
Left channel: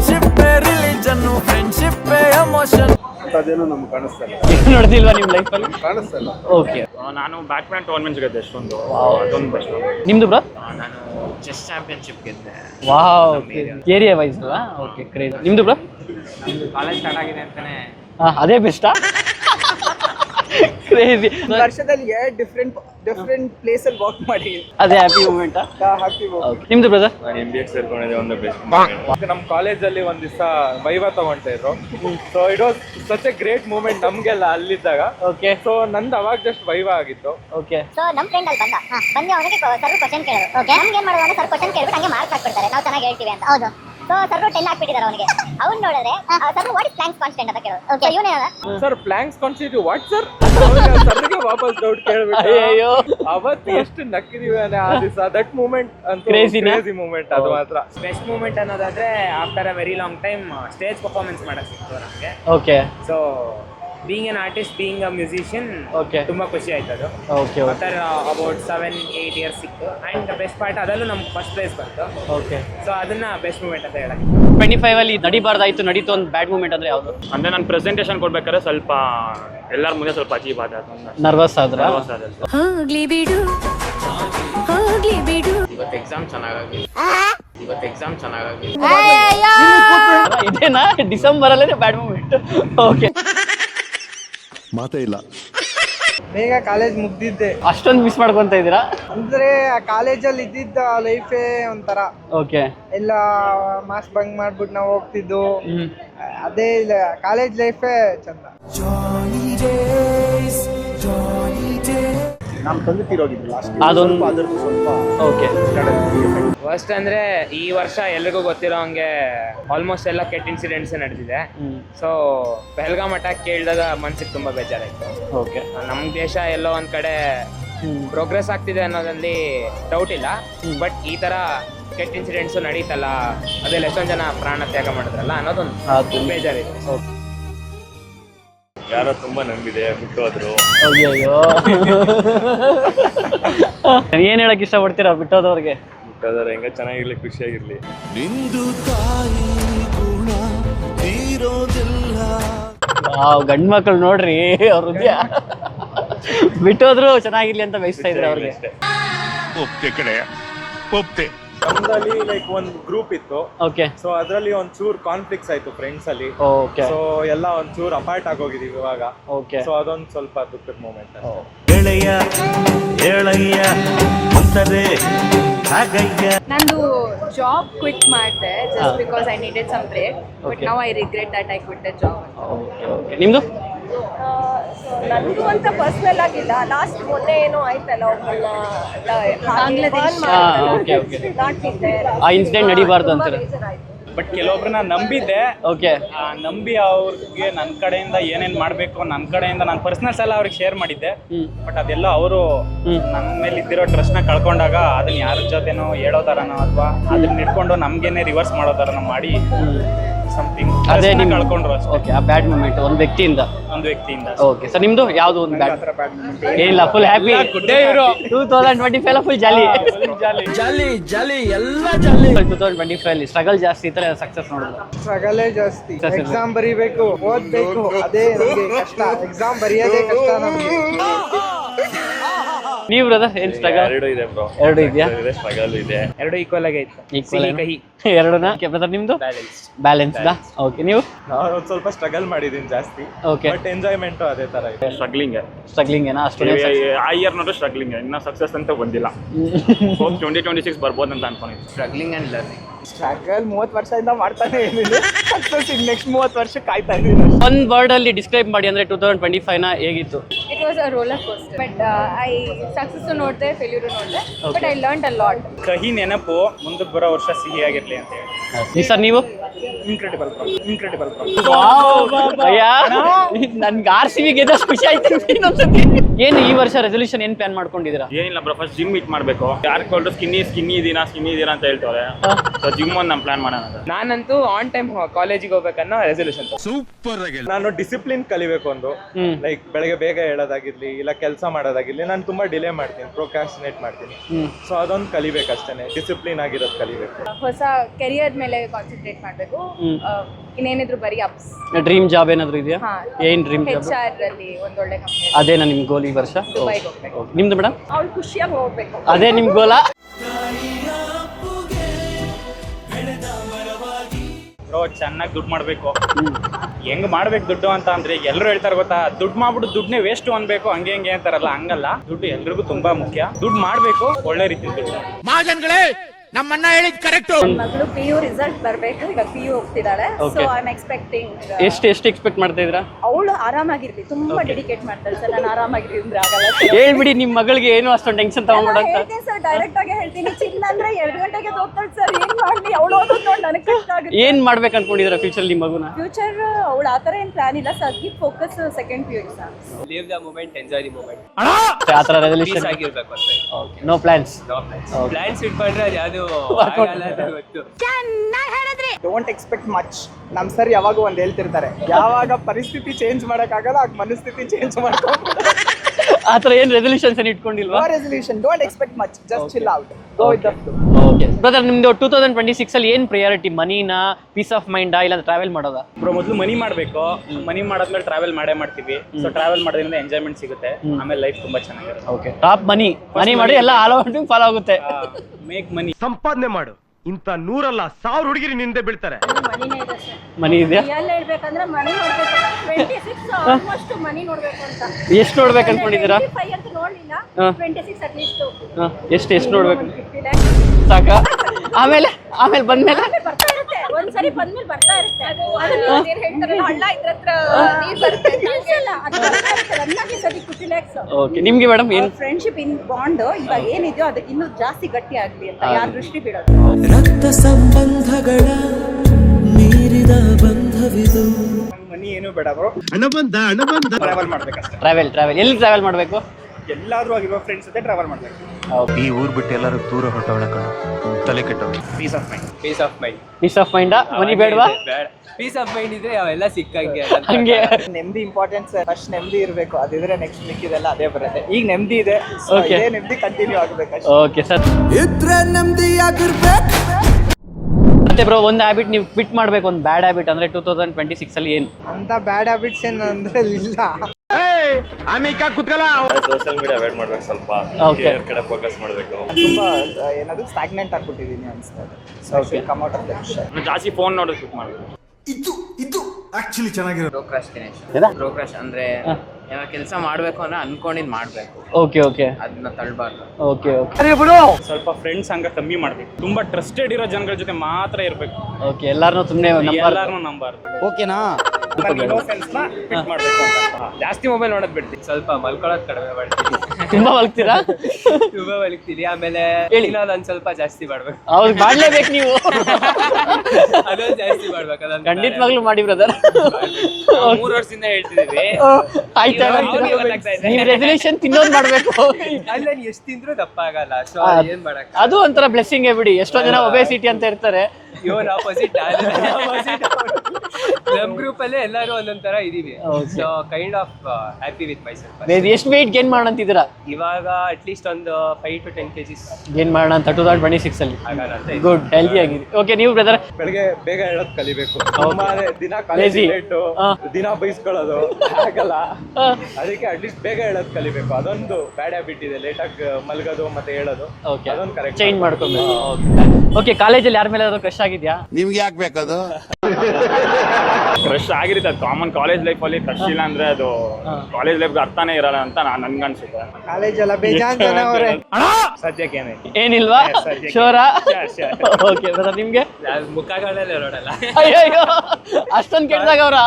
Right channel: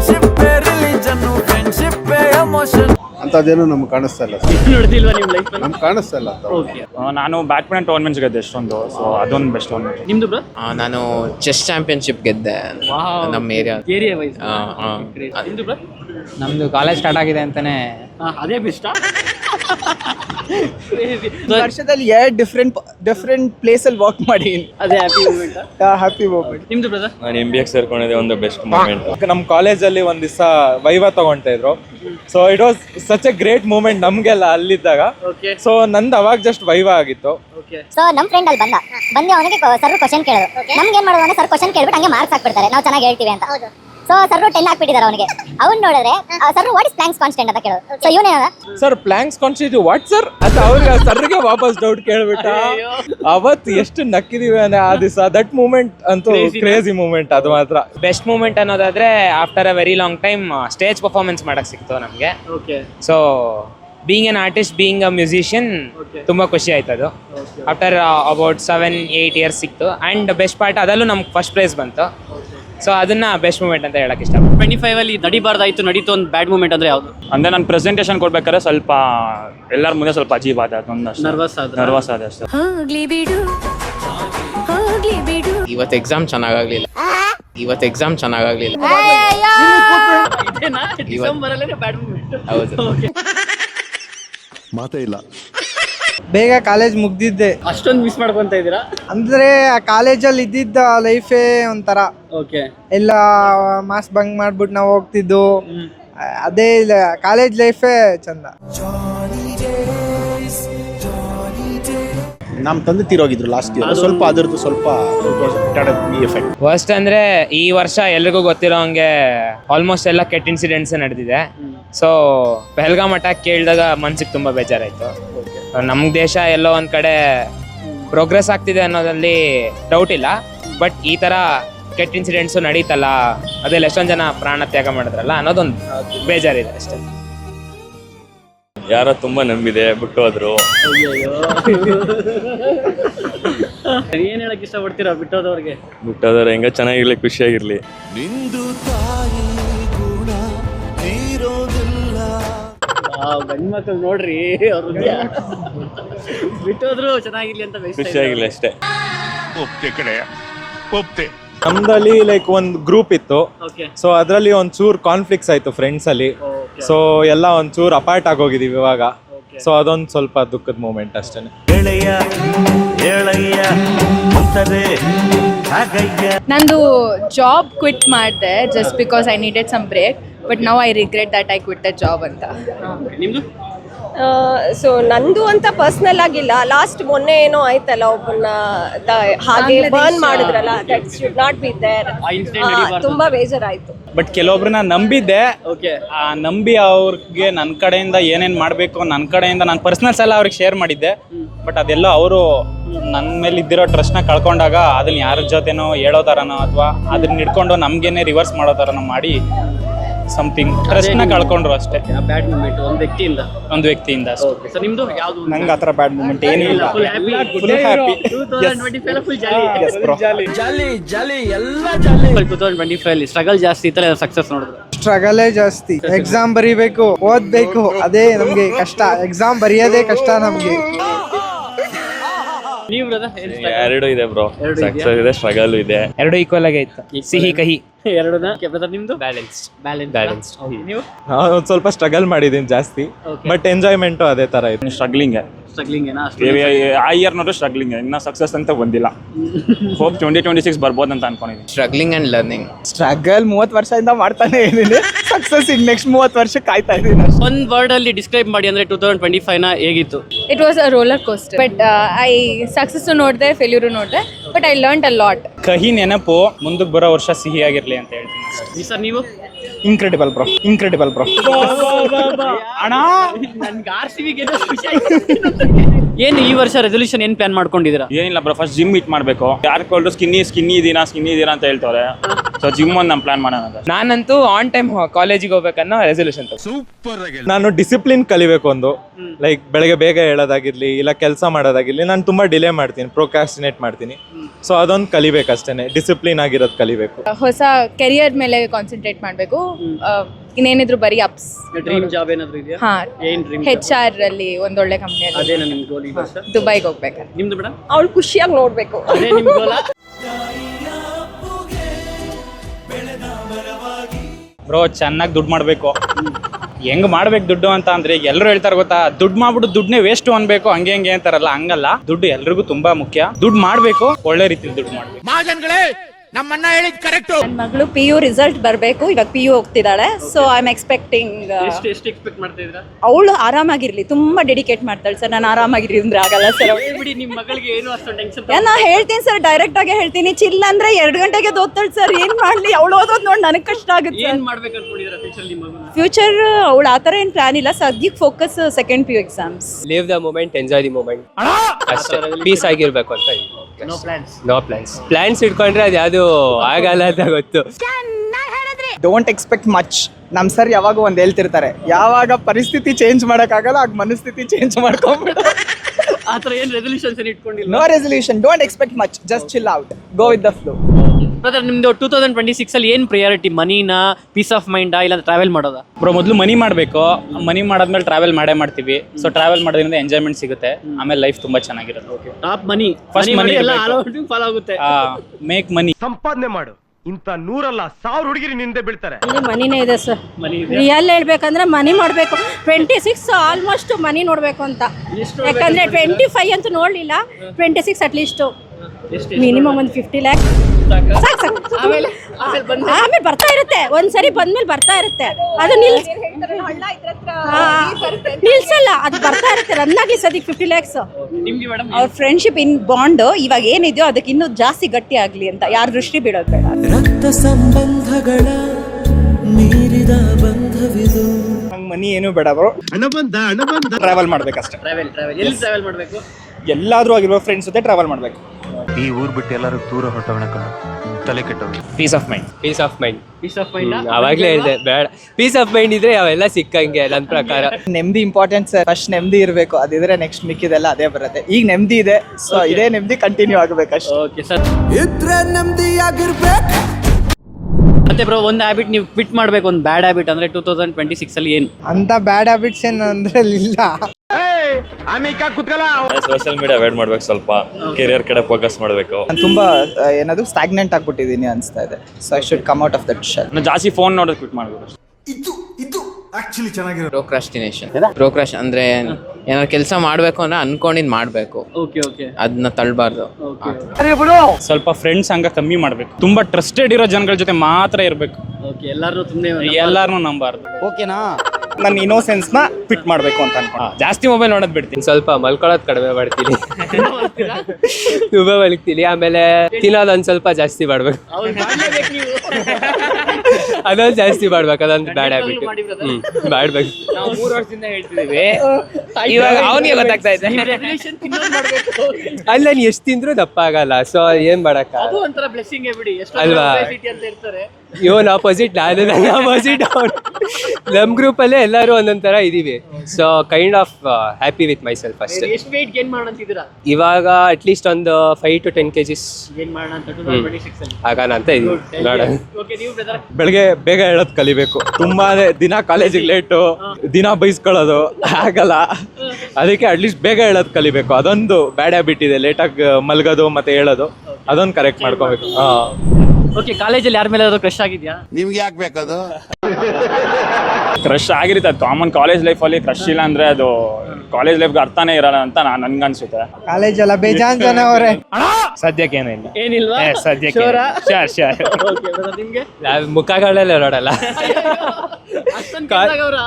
ಅಂತದೇನು ನಮ್ಗೆ ಕಾಣಿಸ್ತಾ ಇಲ್ಲ, ನೋಡ್ದಿಲ್ವಾ ನಿಮ್ ಲೈಫಲ್ಲಿ? ಕಾಣಿಸ್ತಾ ಇಲ್ಲ. ಓಕೆ, ನಾನು ಬ್ಯಾಡ್ಮಿಂಟನ್ ಟೂರ್ನಮೆಂಟ್ಸ್ ಗೆದ್ದೆ ಎಷ್ಟೊಂದು, ಅದೊಂದು ಬೆಸ್ಟ್ ಒಂದು. ನಿಮ್ದು ಬ್ರೋ? ನಾನು ಚೆಸ್ ಚಾಂಪಿಯನ್ಶಿಪ್ ಗೆದ್ದೆ ವಾವ್, ನಮ್ಮ ಏರಿಯಾ ವೈಸ್. ನಿಮ್ದು ಬ್ರೋ? ನಮ್ದು ಕಾಲೇಜ್ ಸ್ಟಾರ್ಟ್ ಆಗಿದೆ ಅಂತಾನೆ. ಅದೇ ಬೆಸ್ಟಾ? ಕ್ರೇಜಿ. ವರ್ಷದಲ್ಲಿ 2 ಡಿಫ್ರೆಂಟ್ ಪ್ಲೇಸ್ ಅಲ್ಲಿ ವಾಕ್ ಮಾಡಿ. ಅದೇ ಹ್ಯಾಪಿ ಮೂಮೆಂಟ್. Happy moment. ನಿಮ್ದು ಬ್ರದರ್? ನಾನು MBA ಸೇರ್ಕೊಂಡಿದ್ದೆ, ಒಂದು ಬೆಸ್ಟ್ ಮೂಮೆಂಟ್. ನಮ್ಮ ಕಾಲೇಜಲ್ಲಿ ಒಂದ್ ದಿವಸ ವೈವಾ ತಗೊಂತ ಇದ್ರು. So it was such a great moment ನಮ್ಗೆಲ್ಲ ಅಲ್ಲಿದ್ದಾಗ. ಓಕೆ. ಸೊ ನಂದು ಅವಾಗ ಜಸ್ಟ್ ವೈವಾ ಆಗಿತ್ತು. ಓಕೆ. ಸೊ ನಮ್ ಫ್ರೆಂಡ್ ಅಲ್ಲಿ ಬಂದು ಅವನಿಗೆ ಸರ್ ಕ್ವಶನ್ ಕೇಳಿದ್ರು. ನಮ್ಗೆ ಏನ್ ಮಾಡೋದು ಅಂದ್ರೆ ಸರ್ ಕ್ವಶನ್ ಕೇಳ್ಬಿಟ್ಟು ಹಂಗೆ ಮಾರ್ಕ್ಸ್ ಹಾಕ್ಬಿಡ್ತಾರೆ, ನಾವು ಚೆನ್ನಾಗಿ ಹೇಳ್ತೀವಿ ಅಂತ. ಹೌದು. ಸೊ ಸರ್ 10 ಹಾಕ್ಬಿಟ್ಟಿದ್ದಾರೆ ಅವನಿಗೆ. ಅವ್ನು ನೋಡಿದ್ರೆ sir what is Planck's constant ಅಂತ ಕೇಳೋದು. ಸೊ ಇವನೇನ sir Planck's constitute what sir? ಸರ್ಗೆ ವಾಪಸ್ ಡೌಟ್ ಕೇಳ್ಬಿಟ್ಟು ಅವತ್ತು ಎಷ್ಟು ನಕ್ಕಿದೀವಿ ಅಂದ್ರೆ ಆ ದಿವಸ. ದಟ್ ಮೂಮೆಂಟ್ ಅಂತೂ ಕ್ರೇಜಿ ಮೂಮೆಂಟ್. ಅದು ಮಾತ್ರ ಬೆಸ್ಟ್ ಮೂಮೆಂಟ್ ಅನ್ನೋದಾದ್ರೆ after a very long time stage performance ಮಾಡಕ್ ಸಿಕ್ತು ನಮಗೆ. Okay. So being an artist, being a musician, ತುಂಬಾ ಖುಷಿ ಆಯ್ತು ಅದು. ಆಫ್ಟರ್ ಅಬೌಟ್ 7-8 years ಸಿಕ್ತು. ಅಂಡ್ ಬೆಸ್ಟ್ ಪಾರ್ಟ್ ಅದಲ್ಲೂ ನಮ್ಗೆ ಫಸ್ಟ್ ಪ್ರೈಸ್ ಬಂತು. ಸೊ ಅದನ್ನ ಬೆಸ್ಟ್ ಮೂಮೆಂಟ್ ಅಂತ ಹೇಳಕ್ ಇಷ್ಟ. 25 ಅಲ್ಲಿ ನಡಿಬಾರ್ದಾಯ್ತು, ನಡೀತು ಒಂದು ಬ್ಯಾಡ್ ಮೂಮೆಂಟ್ ಅಂದ್ರೆ ಯಾವ್ದು? ಅಂದ್ರೆ ನಾನು ಪ್ರೆಸೆಂಟೇಷನ್ ಕೊಡ್ಬೇಕಾದ್ರೆ ಸ್ವಲ್ಪ ಎಲ್ಲರ ಮುಂದೆ ಸ್ವಲ್ಪ ಅಜೀಬ್ ಆದ, ನರ್ವಸ್ ಆದ ಅಷ್ಟೇ. ಹೋಗ್ಲಿ ಬಿಡು, ಹೋಗ್ಲಿ ಬಿಡು. ಇವತ್ತು ಎಕ್ಸಾಮ್ ಚೆನ್ನಾಗಾಗ್ಲಿಲ್ಲ. ಇದೇನಾ ಡಿಸೆಂಬರ್ ಅಲ್ಲೇ ಬ್ಯಾಡ್ ಮೂಮೆಂಟ್? ಓಕೆ. ಮಾತೇ ಇಲ್ಲ. ಬೇಗ ಕಾಲೇಜ್ ಮುಗ್ದಿದ್ದೆ. ಅಷ್ಟೊಂದು ಮಿಸ್ ಮಾಡ್ಕೊಂತ ಇದೀರಾ? ಅಂದ್ರೆ ಆ ಕಾಲೇಜಲ್ಲಿ ಇದ್ದಿದ್ದ ಲೈಫೇ ಒಂಥರ. ಓಕೆ. ಎಲ್ಲ ಮಾಸ್ ಬಂಕ್ ಮಾಡ್ಬಿಟ್ಟು ನಾವು ಹೋಗ್ತಿದ್ದು. ಅದೇ ಕಾಲೇಜ್ ಲೈಫೇ ಚಂದ. ನಮ್ಮ ತಂದೆ ತೀರೋಗಿದ್ರು ಲಾಸ್ಟ್ ಸ್ವಲ್ಪ ಅದರದ್ದು ಸ್ವಲ್ಪ ಎಫೆಕ್ಟ್. ವರ್ಸ್ಟ್ ಅಂದ್ರೆ ಈ ವರ್ಷ ಎಲ್ರಿಗೂ ಗೊತ್ತಿರೋ ಹಂಗೆ ಆಲ್ಮೋಸ್ಟ್ ಎಲ್ಲ ಕೆಟ್ಟ ಇನ್ಸಿಡೆಂಟ್ಸ್ ನಡೆದಿದೆ. ಸೊ ಪೆಹಲ್ಗಾಮ್ ಅಟ್ಯಾಕ್ ಕೇಳಿದಾಗ ಮನ್ಸಿಗೆ ತುಂಬಾ ಬೇಜಾರಾಯ್ತು. ನಮ್ ದೇಶ ಎಲ್ಲೋ ಒಂದ್ ಕಡೆ ಪ್ರೋಗ್ರೆಸ್ ಆಗ್ತಿದೆ ಅನ್ನೋದ್ರಲ್ಲಿ ಡೌಟ್ ಇಲ್ಲ, ಬಟ್ ಈ ತರ ಕೆಟ್ಟ ಇನ್ಸಿಡೆಂಟ್ಸ್ ನಡೀತಲ್ಲ, ಅದ್ರಲ್ಲಿ ಎಷ್ಟೊಂದ್ ಜನ ಪ್ರಾಣ ತ್ಯಾಗ ಮಾಡಿದ್ರಲ್ಲ ಅನ್ನೋದೊಂದು ಬೇಜಾರಿದೆ ಅಷ್ಟೇ. ಯಾರೋ ತುಂಬಾ ನಂಬಿದೆ ಬಿಟ್ಟು ಹೋದ್ರು. ಏನ್ ಹೇಳಕ್ ಇಷ್ಟಪಡ್ತೀರಾ ಬಿಟ್ಟೋದವ್ರಿಗೆ? ಬಿಟ್ಟೋದ್ರೆ ಹೆಂಗ ಚೆನ್ನಾಗಿರ್ಲಿ, ಖುಷಿಯಾಗಿರ್ಲಿ. ನಿಂದು ತಾಯಿ ಗುಣ ತೀರೋದಿಲ್ಲ. ಗಂಡ್ ಮಕ್ಳು ನೋಡ್ರಿ, ಅವ್ರ ಬಿಟ್ಟೋದ್ರು ಚೆನ್ನಾಗಿರ್ಲಿ ಅಂತ ಖುಷಿಯಾಗಿರ್ಲಿ ಅಷ್ಟೇ. ಒಪ್ತೆ ಕಡೆ ಒಪ್ತೆ. ನಮ್ದಲ್ಲಿ ಲೈಕ್ ಒಂದ್ ಗ್ರೂಪ್ ಇತ್ತು. ಓಕೆ. ಸೊ ಅದ್ರಲ್ಲಿ ಒಂದ್ ಚೂರ್ ಕಾನ್ಫ್ಲಿಕ್ಟ್ಸ್ ಆಯ್ತು ಫ್ರೆಂಡ್ಸ್ ಅಲ್ಲಿ. ಸೊ ಎಲ್ಲ ಒಂದ್ ಚೂರ್ ಅಪಾರ್ಟ್ ಆಗೋಗಿದೀವಿ ಇವಾಗ. ಸೊ ಅದೊಂದ್ ಸ್ವಲ್ಪ ದುಃಖದ ಮೂಮೆಂಟ್ ಅಷ್ಟೇ. ನಂದು ಜಾಬ್ ಕ್ವಿಟ್ ಮಾಡಿದೆ just because I needed some break, but now I regret that I quit the job ಅಂತ. ನಿಮ್ದು? ಸೊ ನಂದು ಅಂತ ಪರ್ಸನಲ್ ಆಗಿಲ್ಲ. ಲಾಸ್ಟ್ ಮೊನ್ನೆ ಏನೋ ಆಯ್ತಲ್ಲ, ಒಬ್ಬನ ಹಾಗೆ ಬರ್ನ್ ಮಾಡಿದ್ರಲ್ಲ, ನಾಟ್ ಬಿ ದೇರ್. ಆ ಇನ್ಸಿಡೆಂಟ್ ನಡೀಬಾರ್ದು ತುಂಬಾ ಬೇಜಾರಾಯ್ತು. ಬಟ್ ಕೆಲವೊಬ್ರನ್ನ ನಂಬಿದ್ದೆ. ಓಕೆ. ನಂಬಿ ಅವ್ರಿಗೆ ನನ್ನ ಕಡೆಯಿಂದ ಏನೇನ್ ಮಾಡ್ಬೇಕು, ನನ್ನ ಕಡೆಯಿಂದ ನಾನು ಪರ್ಸನಲ್ಸ್ ಎಲ್ಲ ಅವ್ರಿಗೆ ಶೇರ್ ಮಾಡಿದ್ದೆ. ಬಟ್ ಅದೆಲ್ಲ ಅವರು ನನ್ನ ಮೇಲೆ ಇದ್ದಿರೋ ಟ್ರಸ್ಟ್ ನ ಕಳ್ಕೊಂಡಾಗ ಅದನ್ನ ಯಾರ ಜೊತೆನೋ ಹೇಳೋ ತರನೋ ಅಥವಾ ಅದನ್ನ ಹಿಡ್ಕೊಂಡು ನಮ್ಗೇನೆ ರಿವರ್ಸ್ ಮಾಡೋ ತರನೋ ಮಾಡಿ ಸಮಥಿಂಗ್ ಕಳ್ಕೊಂಡ್ರು ಅಷ್ಟೇ. ಬ್ಯಾಡ್ ಮೂಮೆಂಟ್ ಒಂದ್ ವ್ಯಕ್ತಿಯಿಂದ. ಓಕೆ. ಸರ್ ನಿಮ್ದು ಯಾವ್ದು? ನಂಗೆ ಆ ಥರ ಬ್ಯಾಡ್ ಮೂಮೆಂಟ್ ಏನಿಲ್ಲ, ಫುಲ್ ಹ್ಯಾಪಿ. 2025 ಫುಲ್ ಜಾಲಿ ಜಾಲಿ ಜಾಲಿ ಎಲ್ಲ ಜಾಲಿ. 2025 ಅಲ್ಲಿ ಸ್ಟ್ರಗಲ್ ಜಾಸ್ತಿ ಇತ್ತು, ಸಕ್ಸಸ್ ನೋಡಿದ್ರು? ಸ್ಟ್ರಗಲೇ ಜಾಸ್ತಿ. ಎಕ್ಸಾಮ್ ಬರೀಬೇಕು, ಓದ್ಬೇಕು, ಅದೇ ನಮ್ಗೆ ಕಷ್ಟ. ಎಕ್ಸಾಮ್ ಬರೆಯೋದೇ ಕಷ್ಟ ನಮ್ಗೆ. ನೀವು ಬ್ರದರ್ ಏನ್ ಸ್ಟ್ರಗಲ್? ಎರಡು ಇದೆ ಬ್ರೋ, ಸಕ್ಸಸ್ ಇದೆ, ಸ್ಟ್ರಗಲ್ ಇದೆ. ಎರಡು ಈಕ್ವಲ್ ಆಗಿ ಇತ್ತು, ಸಿಹಿ ಕಹಿ ಎರಡನ್ನ. ಬ್ರದರ್ ನಿಮ್ದು? ಬ್ಯಾಲೆನ್ಸ್. ಓಕೆ. ನೀವು? ನಾನು ಒಂದ್ ಸ್ವಲ್ಪ ಸ್ಟ್ರಗಲ್ ಮಾಡಿದೀನಿ ಜಾಸ್ತಿ, ಬಟ್ ಎಂಜಾಯ್ಮೆಂಟ್ ಅದೇ ತರ ಇದೆ. ಸ್ಟ್ರಗ್ಲಿಂಗ್ ಏನಾ? ಆ ಇಯರ್ ನೋಡ್ರೆ ಸ್ಟ್ರಗ್ಲಿಂಗ್, ಇನ್ನ ಸಕ್ಸಸ್ ಅಂತ ಬಂದಿಲ್ಲ. ಹೋಪ್ 2026 ಬರ್ಬೋದು ಅಂತ ಅನ್ಕೊಂಡಿದ್ದೀನಿ. Struggling and learning. ಸ್ಟ್ರಗಲ್ 30 ವರ್ಷದಿಂದ ಮಾಡ್ತಾನೆ ಇದ್ದೀನಿ. ಸಕ್ಸಸ್ ಈಗ ನೆಕ್ಸ್ಟ್ 30 ವರ್ಷ ಕಾಯ್ತಾ ಇದ್ದೀನಿ. ಒಂದ್ ವರ್ಡ್ ಅಲ್ಲಿ ಡಿಸ್ಕ್ರೈಬ್ ಮಾಡಿ ಅಂದ್ರೆ 2025 ನ ಹೇಗಿತ್ತು? It was a roller coaster, but I success ನೋಡಿದೆ, ಫೇಲ್ಯೂರು ನೋಡಿದೆ, but I learned a lot. ಕಹಿ ನೆನಪು, ಮುಂದಕ್ಕೆ ಬರೋ ವರ್ಷ ಸಿಹಿ ಆಗಿರ್ಲಿ ಅಂತ ಹೇಳ್ತೀನಿ. ಸರ್ ನೀವು? Incredible bro. ನನ್ಗೆ RCB ಗೆದ್ದ ಖುಷಿ ಆಯ್ತು. ಏನ್ ಈ ವರ್ಷ ರೆಸಲ್ಯೂಷನ್ ಏನ್ ಪ್ಲಾನ್ ಮಾಡ್ಕೊಂಡಿದ್ದೀರಾ? ಏನಿಲ್ಲ ಬ್ರೋ, ಫಸ್ಟ್ ಜಿಮ್ ಇಟ್ ಮಾಡ್ಬೇಕು. ಯಾರು ಕೊಳ್ಳು ಸ್ಕಿನ್ನಿ ಇದೀನಾ ಅಂತ ಹೇಳ್ತಾರೆ. ಸೊ ಜಿಮ್ ಒಂದು ನಾನು ಪ್ಲಾನ್ ಮಾಡೋಣ. ನಾನಂತೂ ಆನ್ ಟೈಮ್ ಕಾಲೇಜಿಗೆ ಹೋಗ್ಬೇಕನ್ನೋ ರೆಸಲ್ಯೂಷನ್. ಸೂಪರ್ ಆಗಿ. ನಾನು ಡಿಸಿಪ್ಲಿನ್ ಕಲಿಬೇಕು. ಒಂದು ಲೈಕ್ ಬೆಳಗ್ಗೆ ಬೇಗ ಹೇಳೋದಾಗಿರ್ಲಿ, ಇಲ್ಲ ಕೆಲಸ ಮಾಡೋದಾಗಿರ್ಲಿ, ನಾನು ತುಂಬಾ ಡಿಲೇ ಮಾಡ್ತೀನಿ, ಪ್ರೊಕ್ರಾಸ್ಟಿನೇಟ್ ಮಾಡ್ತೀನಿ. ಸೊ ಅದೊಂದು ಕಲಿಬೇಕಷ್ಟೇನೆ, ಡಿಸಿಪ್ಲಿನ್ ಆಗಿರೋದು ಕಲಿಬೇಕು. ಹೊಸ ಕೆರಿಯರ್ ಮೇಲೆ ಕಾನ್ಸಂಟ್ರೇಟ್ ಮಾಡಬೇಕು. ಇನ್ನೇನಿದ್ರು ಬರೀ ಅಪ್ಸ್. ಡ್ರೀಮ್ ಜಾಬ್ ಏನಾದ್ರು ಇದೆಯಾ? ಏನ್ ಡ್ರೀಮ್? HR ಅಲ್ಲಿ ಒಂದೊಳ್ಳೆ ಕಂಪನಿ. ಅದೇನಾ ನಿಮ್ ಗೋಲ್ ಈ ವರ್ಷ? ದುಬೈಗೆ ಹೋಗ್ಬೇಕು. ನಿಮ್ದು ಮೇಡಮ್? ಅವ್ಳು ಖುಷಿಯಾಗಿ ನೋಡ್ಬೇಕು, ಅದೇ ನಿಮ್ ಗೋಲಾ? ಬ್ರೋ ಚೆನ್ನಾಗಿ ದುಡ್ಡು ಮಾಡಬೇಕು. ಹೆಂಗ್ ಮಾಡ್ಬೇಕು ದುಡ್ಡು ಅಂತ ಅಂದ್ರೆ ಎಲ್ಲರೂ ಹೇಳ್ತಾರೆ ಗೊತ್ತಾ, ದುಡ್ಡು ಮಾಡ್ಬಿಟ್ಟು ದುಡ್ಡನ್ನೇ ವೇಸ್ಟ್ ಅನ್ಬೇಕು, ಹಂಗೆ ಅಂತಾರಲ್ಲ, ಹಂಗಲ್ಲ. ದುಡ್ಡು ಎಲ್ರಿಗೂ ತುಂಬಾ ಮುಖ್ಯ. ದುಡ್ಡು ಮಾಡ್ಬೇಕು, ಒಳ್ಳೆ ರೀತಿ ದುಡ್ಡು ಮಾಡಿ. ಮಹಾಜನ್ಗಳೇ, ನಮ್ಮನ್ನ ಹೇಳಿದ್ ಕರೆಕ್ಟ್. ಮಗಳು PU ರಿಸಲ್ಟ್ ಬರಬೇಕು. ಇವಾಗ PU ಹೋಗ್ತಿದ್ದಾಳೆ. So I am expecting. ಎಷ್ಟು ಎಕ್ಸ್ಪೆಕ್ಟ್ ಮಾಡ್ತಾ ಇದ್ರಾ? ಅವಳು ಆರಾಮಾಗಿರ್ಲಿ, ತುಂಬಾ ಡೆಡಿಕೇಟ್ ಮಾಡ್ತಾಳೆ ಸರ್. ನಾನು ಆರಾಮಾಗಿರಿ ಅಂದ್ರೆ ಆಗಲ್ಲ ಸರ್. ಹೇಳ್ಬಿಡಿ, ನಿಮ್ ಮಗಳಿಗೆ ಏನು ಅಷ್ಟೊಂದು ಟೆನ್ಷನ್. ನಾನು ಹೇಳ್ತೀನಿ ಸರ್, ಡೈರೆಕ್ಟ್ ಆಗಿ ಹೇಳ್ತೀನಿ. ಚಿಲ್ಲ ಅಂದ್ರೆ 2 ಗಂಟೆಗೆ ಓದ್ತಾಳೆ ಸರ್. ಏನ್ ಮಾಡ್ಲಿ, ಅವಳು ಓದೋದು ನೋಡಿ ನನಗೆ ಕಷ್ಟ ಆಗುತ್ತೆ. ಏನ್ ಮಾಡ್ಬೇಕು ಅನ್ಕೊಂಡಿದ್ರ ಫ್ಯೂಚರ್ ನಿಮ್ ಮಗುನ? ಫ್ಯೂಚರ್ ಅವಳು ಆತರ ಏನ್ ಪ್ಲಾನ್ ಇಲ್ಲ. ಸದ್ಯಕ್ಕೆ focus second PU exams. Live the moment, enjoy the moment. Peace ಆಗಿರ್ಬೇಕು ಅಂತ. No plants. ಪ್ಲಾನ್ಸ್ ಇಟ್ಕೊಂಡ್ರೆ ಅದು ಯಾವುದು ಆಗಲ್ಲ ಅಂತ ಗೊತ್ತು. Don't expect much. ನಮ್ ಸರ್ ಯಾವಾಗ ಒಂದ್ ಹೇಳ್ತಿರ್ತಾರೆ, ಯಾವಾಗ ಪರಿಸ್ಥಿತಿ ಚೇಂಜ್ ಮಾಡಕ್ಕಾಗಲ್ಲ ಆಗ ಮನಸ್ಥಿತಿ ಚೇಂಜ್ ಮಾಡ್ಕೊಂಡ್ಬಿಡು. ಆತರ ಏನ್ ರೆಸಲ್ಯೂಷನ್ಸ್ ಏನ್ ಇಟ್ಕೊಂಡಿಲ್ಲ? No resolution, don't expect much, just chill out, go with the flow. Okay brother, ನಿಮ್ದು 2026 ಅಲ್ಲಿ ಏನ್ ಪ್ರಯಾರಿಟಿ? ಮನಿನಾ, ಪೀಸ್ ಆಫ್ ಮೈಂಡಾ, ಇಲ್ಲ ಟ್ರಾವೆಲ್ ಮಾಡೋದಾ? ಬ್ರೋ ಮೊದಲು ಮನಿ ಮಾಡಬೇಕು. ಮನಿ ಮಾಡಾದ್ಮೇಲೆ ಟ್ರಾವೆಲ್ ಮಾಡ್ತೀವಿ. ಸೊ ಟ್ರಾವೆಲ್ ಮಾಡೋದ್ರಿಂದ ಎಂಜಾಯ್ಮೆಂಟ್ ಸಿಗುತ್ತೆ, ಆಮೇಲೆ ಲೈಫ್ ತುಂಬಾ ಚೆನ್ನಾಗಿರುತ್ತೆ. ಓಕೆ, ಟಾಪ್ ಮನಿ ಮಾಡಿ ಎಲ್ಲ ಆಲ್ ಓವರ್ ಫಾಲೋ ಆಗುತ್ತೆ. ಮೇಕ್ ಮನಿ, ಸಂಪಾದನೆ ಮಾಡು, ಇಂತ 100 ಅಲ್ಲ 1000 ಹುಡುಗಿರಿ ನಿಂದೆ ಬೀಳ್ತಾರೆ. ಮನಿನೇ ಇದೆ ಸರ್. ಮನಿ ಇದೆ. ಎಲ್ಲಿ ಹೇಳ್ಬೇಕಂದ್ರೆ ಮನಿ ನೋಡ್ಬೇಕು. 26 ಆಲ್ಮೋಸ್ಟ್ ಮನಿ ನೋಡ್ಬೇಕು ಅಂತ. ಎಷ್ಟು ನೋಡ್ಬೇಕು ಅನ್ಕೊಂಡಿದ್ದೀರಾ? 25 ಅಂತೂ ನೋಡ್ಲಿಲ್ಲ. 26 ಅಟ್ಲೀಸ್ಟ್ ಎಷ್ಟು ಮಿನಿಮಮ್ ಒಂದು 50 lakhs. ಆಮೇಲೆ ಬಂದ ಆಮೇಲೆ ಬರ್ತಾ ಇರುತ್ತೆ, ಒಂದ್ಸರಿ ಬಂದ್ಮೇಲೆ ಬರ್ತಾ ಇರುತ್ತೆ. ಅದು ನಿಲ್ಸಲ್ಲ, ಅದು ಬರ್ತಾ ಇರುತ್ತೆ. ರನ್ ಆಗಿ ಸದ್ಯಕ್ಕೆ 50 lakhs. ಓಕೆ, ನಿಮ್ಗೆ ಮೇಡಮ್ ಫ್ರೆಂಡ್ಶಿಪ್ ಇನ್ ಬಾಂಡ್ ಇವಾಗ ಏನಿದೆಯೋ ಅದಕ್ಕೆ ಇನ್ನೂ ಜಾಸ್ತಿ ಗಟ್ಟಿ ಆಗ್ಲಿ ಅಂತ ಯಾರು ದೃಷ್ಟಿ ಬೀಳೋದು. ರಕ್ತ ಸಂಬಂಧಗಳ ಮೀರಿದ ಬಂಧವಿದು. ಮನಿ ಏನು ಬೇಡ ಬ್ರೋ, ಹಣ ಬಂದ ಟ್ರಾವೆಲ್ ಮಾಡ್ಬೇಕಷ್ಟೇ. ಟ್ರಾವೆಲ್ ಎಲ್ಲಿ ಟ್ರಾವೆಲ್ ಮಾಡಬೇಕು? ಎಲ್ಲಾದ್ರೂ ಆಗಿರೋ ಫ್ರೆಂಡ್ಸ್ ಜೊತೆ ಟ್ರಾವೆಲ್ ಮಾಡ್ಬೇಕು. ಈ ಊರ್ ಬಿಟ್ಟು ಎಲ್ಲರೂ ದೂರ ಹೊರಟವಣ ಕಣ, ತಲೆ ಕೆಟ್ಟವಳು. Peace of mind. Peace of mind ಬೇಡ. ಪೀಸ್ ಆಫ್ ಮೈಂಡ್ ಇದ್ರೆ ಅವೆಲ್ಲ ಸಿಕ್ಕಂಗೆ. ನೆಮ್ಮದಿ ಇಂಪಾರ್ಟೆಂಟ್ ಸರ್. ಫಸ್ಟ್ ನೆಮ್ಮದಿ ಇರಬೇಕು, ಅದಿದ್ರೆ ನೆಕ್ಸ್ಟ್ ಮಿಕ್ಕಿದೆಲ್ಲ ಅದೇ ಬರುತ್ತೆ. ಈಗ ನೆಮ್ಮದಿ ಇದೆ, ಸೊ ಇದೇ ನೆಮ್ಮದಿ ಕಂಟಿನ್ಯೂ ಆಗಬೇಕಷ್ಟೇ. Okay sir. ಇದ್ರೆ ನೆಮ್ಮದಿ ಆಗಿರ್ಬೇಕು. ಮತ್ತೆ ಬ್ರೋ, ಒಂದು ಹ್ಯಾಬಿಟ್ ನೀವು ಕ್ವಿಟ್ ಮಾಡ್ಬೇಕು, ಒಂದು ಬ್ಯಾಡ್ ಹ್ಯಾಬಿಟ್ ಅಂದ್ರೆ 2026 ಅಲ್ಲಿ ಏನು? ಅಂತ ಬ್ಯಾಡ್ ಹ್ಯಾಬಿಟ್ಸ್ ಏನು ಅಂದ್ರೆ ಇಲ್ಲ. ಸೋಷಿಯಲ್ ಮೀಡಿಯಾ ಅವಾಯ್ಡ್ ಮಾಡ್ಬೇಕು, ಸ್ವಲ್ಪ ಕೆರಿಯರ್ ಕಡೆ ಫೋಕಸ್ ಮಾಡಬೇಕು. ನಾನು ತುಂಬಾ ಏನದು ಸ್ಟಾಗ್ನೆಂಟ್ ಆಗ್ಬಿಟ್ಟಿದ್ದೀನಿ ಅನಿಸ್ತಾ ಇದೆ. So I should come out of that shell. ಜಾಸ್ತಿ ಫೋನ್ ನೋಡೋದು ಕ್ವಿಟ್ ಮಾಡಬೇಕು. ಇದು ಆಕ್ಚುಲಿ ಚೆನ್ನಾಗಿರೋ ಪ್ರೋಕ್ರಾಸ್ಟ್ ಅಂದ್ರೆ ಏನಾದ್ರು ಕೆಲಸ ಮಾಡ್ಬೇಕು ಅಂದ್ರೆ ಅನ್ಕೊಂಡಿದ್ ಮಾಡ್ಬೇಕು. ಓಕೆ ಅದನ್ನ ತಳ್ಳಬಾರ್ದು. ಓಕೆ ಸ್ವಲ್ಪ ಫ್ರೆಂಡ್ಸ್ ಹಂಗ ಕಮ್ಮಿ ಮಾಡ್ಬೇಕು. ತುಂಬಾ ಟ್ರಸ್ಟೆಡ್ ಇರೋ ಜನಗಳ ಜೊತೆ ಮಾತ್ರ ಇರ್ಬೇಕು. ಓಕೆ, ಎಲ್ಲಾರನ್ನೂ ನಂಬಾರ್ದು. ಓಕೆನಾ? ನನ್ನ ಇನ್ನೋಸೆನ್ಸ್ ನ ಫಿಟ್ ಮಾಡ್ಬೇಕು ಅಂತ ಅನ್ಕೊಂಡು ಜಾಸ್ತಿ ಮೊಬೈಲ್ ನೋಡೋದ್ ಬಿಡ್ತೀನಿ. ಸ್ವಲ್ಪ ಮಲ್ಕೊಳ್ಳೋದು ಕಡಿಮೆ ಮಾಡ್ತೀನಿ. ತುಂಬಾ ಮಲ್ಗ್ತೀರಾ? ತುಂಬಾ ಮಲಗ್ತೀನಿ. ಆಮೇಲೆ ತಿನ್ನೋದು ಒಂದ್ ಸ್ವಲ್ಪ ಜಾಸ್ತಿ ಮಾಡ್ಬೇಕು. ಹೌದು, ಮಾಡ್ಲೇಬೇಕು ನೀವು. ಅದೊಂದು ಜಾಸ್ತಿ ಮಾಡ್ಬೇಕು. ಅದೊಂದು ಖಂಡಿತವಾಗ್ಲೂ ಮಾಡಿ ಬ್ರದರ್, ಮಾಡ್ಬೇಕು. 3 ವರ್ಷದಿಂದ ಹೇಳ್ತಿದೀವಿ, ಅವನಿಗೆ ಗೊತ್ತಾಗ್ತಾ ಇದೆ. ರೆಸಲ್ಯೂಷನ್ ತಿನ್ನೋದು ಮಾಡ್ಬೇಕು. ಅಲ್ಲ, ನೀ ಎಷ್ಟು ತಿಂದ್ರು ದಪ್ಪ ಆಗಲ್ಲ. ಸೊ ಏನ್ ಮಾಡಕ್ಕ, ಅದು ಒಂಥರ ಬ್ಲೆಸ್ಸಿಂಗ್ ಬಿಡಿ. ಎಷ್ಟೊಂದು ಒಬೆಸಿಟಿ ಅಂತ ಇರ್ತಾರೆ. ಇವನ್ ಆಪೋಸಿಟ್, ನಾನು ಆಪೋಸಿಟ್. ನಮ್ ಗ್ರೂಪ್ ಅಲ್ಲೇ ಎಲ್ಲರೂ ಒಂದೊಂದ್ ತರ ಇದೀವಿ. So kind of happy with my self. ಎಷ್ಟು ವೆಯ್ಟ್ ಗೇನ್ ಮಾಡೋಣ ಅಂತಿದ್ದೀರಾ? ಇವಾಗ ಅಟ್ಲೀಸ್ಟ್ ಒಂದು 5 to 10 kgs ಗೇನ್ ಮಾಡೋಣ ಅಂತ 2026 ಅಲ್ಲಿ ಆಗೋಣ ಅಂತ ಇದೆ. ಓಕೆ, ನೀವು ಬ್ರದರ್? ಬೆಳಗ್ಗೆ ಬೇಗ ಹೇಳೋದ್ ಕಲಿಬೇಕು. ತುಂಬಾ ದಿನ ಕಾಲೇಜಿಗೆ ಲೇಟು, ದಿನ ಬೈಸ್ಕೊಳ್ಳೋದು ಆಗಲ್ಲ. ಅದಕ್ಕೆ ಅಟ್ಲೀಸ್ಟ್ ಬೇಗ ಹೇಳೋದ್ ಕಲಿಬೇಕು. ಅದೊಂದು ಬ್ಯಾಡ್ ಹ್ಯಾಬಿಟ್ ಇದೆ, ಲೇಟಾಗಿ ಮಲ್ಗೋದು ಮತ್ತೆ ಹೇಳೋದು. ಅದೊಂದು ಕರೆಕ್ಟ್ ಮಾಡ್ಬೇಕು. ಓಕೆ, ಕಾಲೇಜಲ್ಲಿ ಯಾರ ಮೇಲೆ ಕ್ರಶ್ ಆಗಿದ್ಯಾ? ನಿಮ್ಗೆ ಯಾಕೆ ಬೇಕದು? ಕ್ರಶ್ ಆಗಿರುತ್ತೆ, ಅದು ಕಾಮನ್. ಕಾಲೇಜ್ ಲೈಫ್ ಅಲ್ಲಿ ಕ್ರಶ್ ಇಲ್ಲ ಅಂದ್ರೆ ಅದು ಕಾಲೇಜ್ ಲೈಫ್ಗೆ ಅರ್ಥನೇ ಇರಲ್ಲ ಅಂತ ನನ್ಗನ್ಸುತ್ತೆ. ಕಾಲೇಜ್ ಎಲ್ಲ ಬೇಜಾನ್ ಜನ ಅವರೇ. ಸದ್ಯಕ್ಕೆ ಏನಿಲ್ಲ. ಏನಿಲ್ವಾ? ಸದ್ಯಕ್ಕೆ ಶೋರ್. ಓಕೆ ಬ್ರದರ್, ನಿಮ್ಗೆ? ಮುಖಗಳೆಲ್ಲ ನೋಡಲ್ಲ. ಅಷ್ಟೊಂದು ಕೆಟ್ಟದಾಗವ್ರಾ?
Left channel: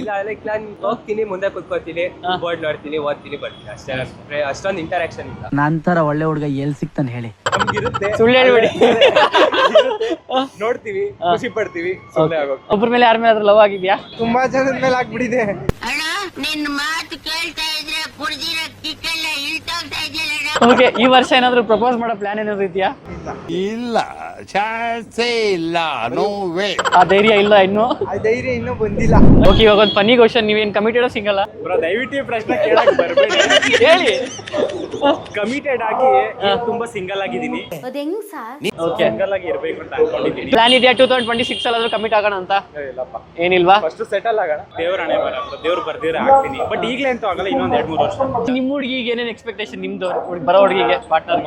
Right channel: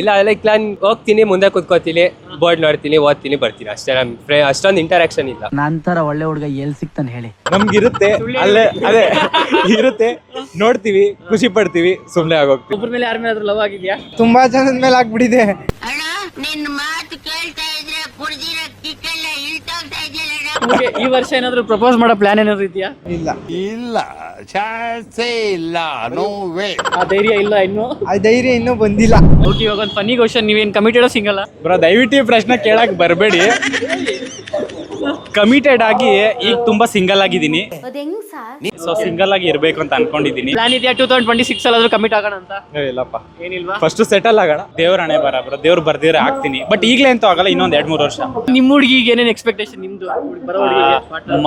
ಇಲ್ಲ ಲೈಕ್ ನಾನು ಹೋಗ್ತೀನಿ, ಮುಂದೆ ಕುತ್ಕೋತೀನಿ, ಬೋರ್ಡ್ ನೋಡ್ತೀನಿ, ಓದ್ತೀನಿ, ಬರ್ತೀನಿ ಅಷ್ಟೇ. ನನ್ ಅಷ್ಟೊಂದು ಇಂಟರಾಕ್ಷನ್ ಇಲ್ಲ. ನಂತರ ಒಳ್ಳೆ ಹುಡುಗ ಎಲ್ಲಿ ಸಿಗ್ತಾನೆ ಹೇಳಿ? ನಮ್ಗಿರುತ್ತೆ, ಇರುತ್ತೆ, ನೋಡ್ತೀವಿ, ಖುಷಿ ಪಡ್ತೀವಿ, ಸುಮ್ಮನೆ ಆಗೋಗ್ತೀವಿ. ಒಬ್ಬರ ಮೇಲೆ ಯಾರ ಮೇಲೆ ಲವ್ ಆಗಿದ್ಯಾ? ತುಂಬಾ ಜನದ ಮೇಲೆ ಆಗ್ಬಿಟ್ಟಿದೆ. ನಿನ್ನ ಮಾತು ಕೇಳ್ತಾ ಇದ್ರೆ ಕುಡ್ದಿರ ಕಿಕ್ಕೆಲ್ಲ ಇಳ್ತೋಗ್ತಾ ಇದೆಯಲ್ಲ. ಓಕೆ, ಈ ವರ್ಷ ಏನಾದ್ರು ಪ್ರಪೋಸ್ ಮಾಡೋ ಪ್ಲಾನ್ ಏನಾದ್ರು ಇದೆಯಾ? ಇಲ್ಲ, ಚಾನ್ಸೇ ಇಲ್ಲ, ನೋ ವೇ. ಆ ಧೈರ್ಯ ಇಲ್ಲ ಇನ್ನು? ಆ ಧೈರ್ಯ ಇನ್ನೂ ಬಂದಿಲ್ಲ. ಓಕೆ, ಇವಾಗ ಒಂದು ಫನ್ನಿ ಕ್ವಶನ್, ನೀವೇನ್ ಕಮಿಟೆಡ್ ಸಿಂಗಲ್? ಬ್ರೋ, ದಯವಿಟ್ಟು ಈ ಪ್ರಶ್ನೆ ಕೇಳಕ್ ಬರಬೇಡಿ. ಹೇಳಿ. ಕಮಿಟೆಡ್ ಆಗಿ ಈಗ ತುಂಬಾ ಸಿಂಗಲ್ ಆಗಿದ್ದೀನಿ. ಹೆಂಗ್ ಸರ್? ಸಿಂಗಲ್ ಆಗಿ ಇರ್ಬೇಕು ಅಂತ ಅನ್ಕೊಂಡಿದ್ದೀನಿ. ಪ್ಲಾನ್ ಇದೆಯಾ 2026 ಅಲ್ಲಾದ್ರೂ ಕಮಿಟ್ ಆಗೋಣ ಅಂತ? ಇಲ್ಲಪ್ಪ, ಏನಿಲ್ವಾ? ಫಸ್ಟ್ ಸೆಟಲ್ ಆಗೋಣ. ದೇವ್ರ ಹಣೆ ಬರ ಬ್ರೋ, ದೇವ್ರು ಬರ್ದಿರ ಆಗ್ತೀನಿ. ಬಟ್ ಈಗಲೇ ಅಂತೂ ಆಗಲ್ಲ, ಇನ್ನೊಂದ್ 2-3 ವರ್ಷ. ನಿಮ್ಮ ಹುಡುಗಿಗೆ ಏನೇನು ಎಕ್ಸ್ಪೆಕ್ಟೇಷನ್ ನಿಮ್ದು ಬರೋ ಹುಡುಗಿಗೆ?